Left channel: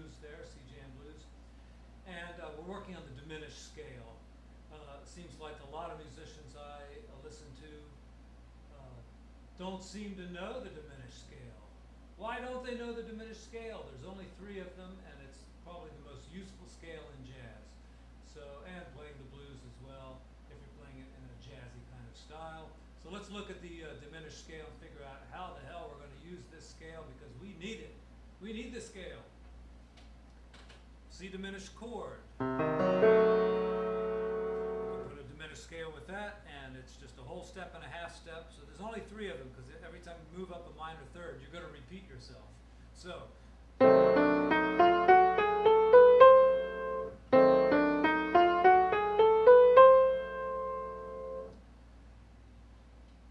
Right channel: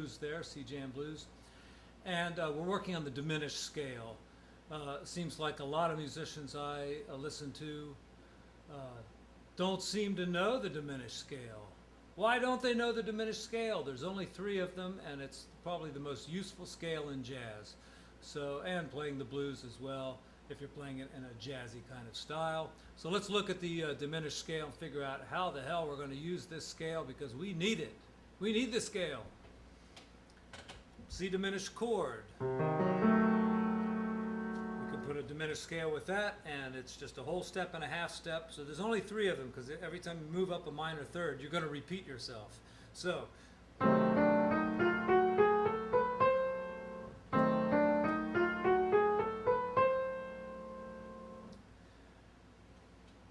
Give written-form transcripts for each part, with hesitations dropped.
blues there, C jam blues. And we're working on the diminished scale. Seems like a lot of musicians I listen to don't seem to know the diminished scale. Why don't they know the diminished scale? There's only 3 of them, and it's probably the most useful scale in jazz. So, and playing the blues as well, if you're playing it in a jazzy kind of style. So let's look at the diminished scale and figure out how the hell we're going to use this scale, because we need it. We need the scale. C diminished chord. We can put a diminished scale with that, and it's just a whole step and a half step. So there's only 3 of them, because every time you move up a minor third, you're going to repeat yourself. So.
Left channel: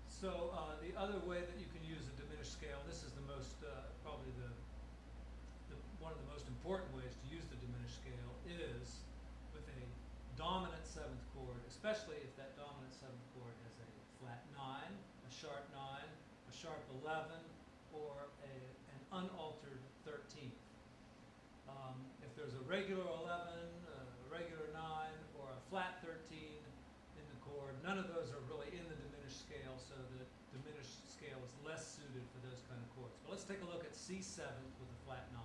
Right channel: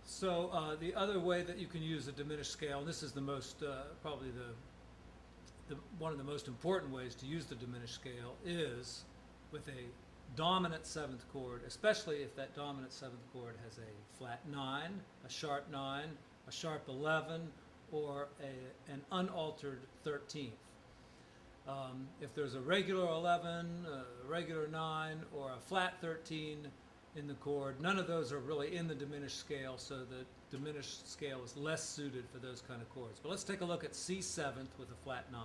So the other way that you can use a diminished scale, and this is the most, probably one of the most important ways to use the diminished scale, is with a dominant 7th chord, especially if that dominant 7th chord has a flat 9, a sharp 9, a sharp 11, or an unaltered 13th. If there's a regular 11, a regular 9, or a flat 13 in the chord, none of those are really in the diminished scale, so the diminished scale is less suited for those kind of chords. But let's take a look at C7th with a flat 9.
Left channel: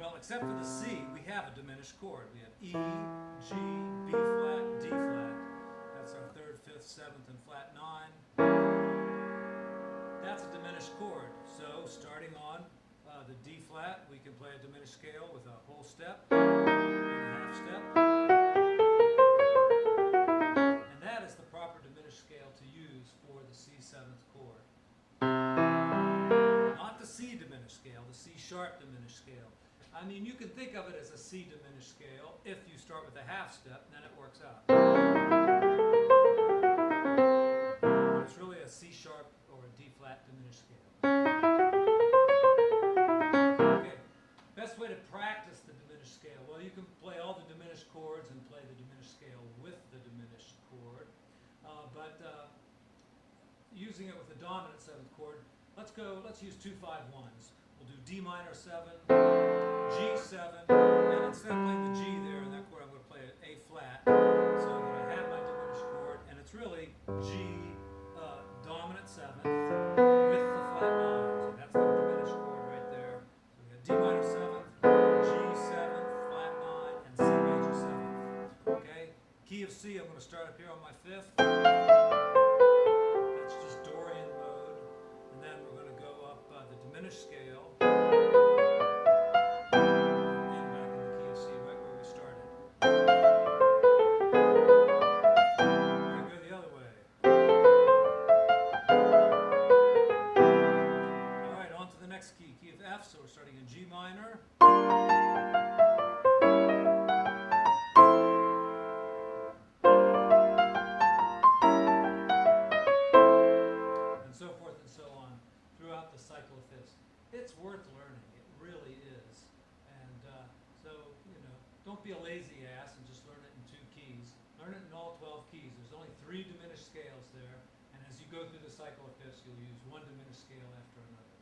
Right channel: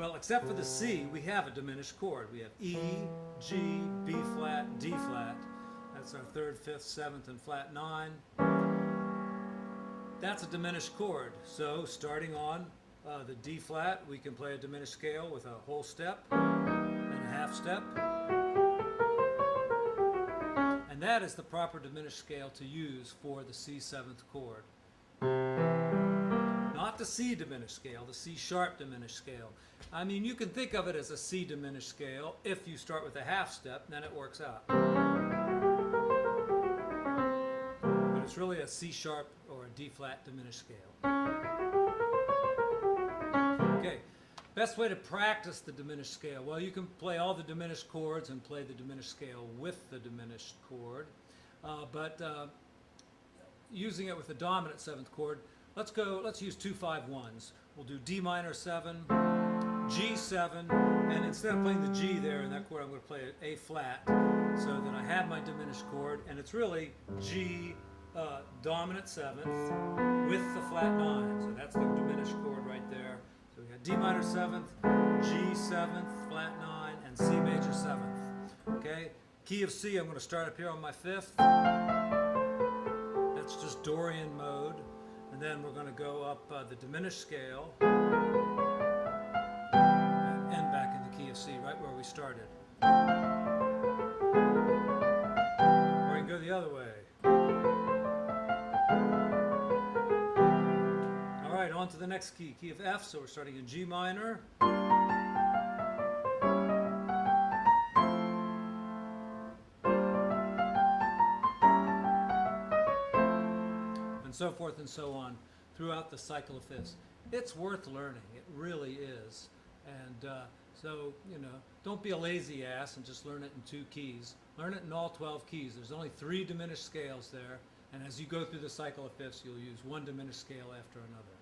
Well, except for the C, we have a diminished chord. We have E, G, B flat, D flat. That's our 3rd, 5th, 7th, and flat 9. That's a diminished chord. So starting on the D flat, we can play a diminished scale with a whole step and a half step. And that is the proper diminished scale to use for the C7th chord. Not the C diminished scale, the C sharp diminished scale. I mean, you can think of it as a C diminished scale if you start with a half step, then it works out. But it's really a C sharp or a D flat diminished scale. Okay. Best way to practice the diminished scale? Well, you can play all the diminished chords and play the diminished scale with the diminished chord. But using it with the dominant 7th chord, let's use 2 5 1s. We'll do D minor 7, G7, and instead of playing the G there in that chord, I'm going to play A flat, so that I have my diminished chord, and it's really G dominant 7th with the flat 9. So that's the diminished chord right there. So we got D minor 7th, G 7th, flat 9, and C major 7th. Okay? Key of C, I'm going to start up here on my 5th. That's just Dorian mode. And then we're going to go up the diminished scale and end back in the key of C, right where we started. Or you can go the other way. On to the next key, key of F, so we're starting in G minor. And so forth and so on throughout the cycle of fifths. It's worth learning, it really is. And so, don't be a lazy ass and just learn it in 2 keys. Learn it in all 12 keys. There's only 3 diminished scales there, and as you go through the cycle of fifths, you'll use one diminished scale after another.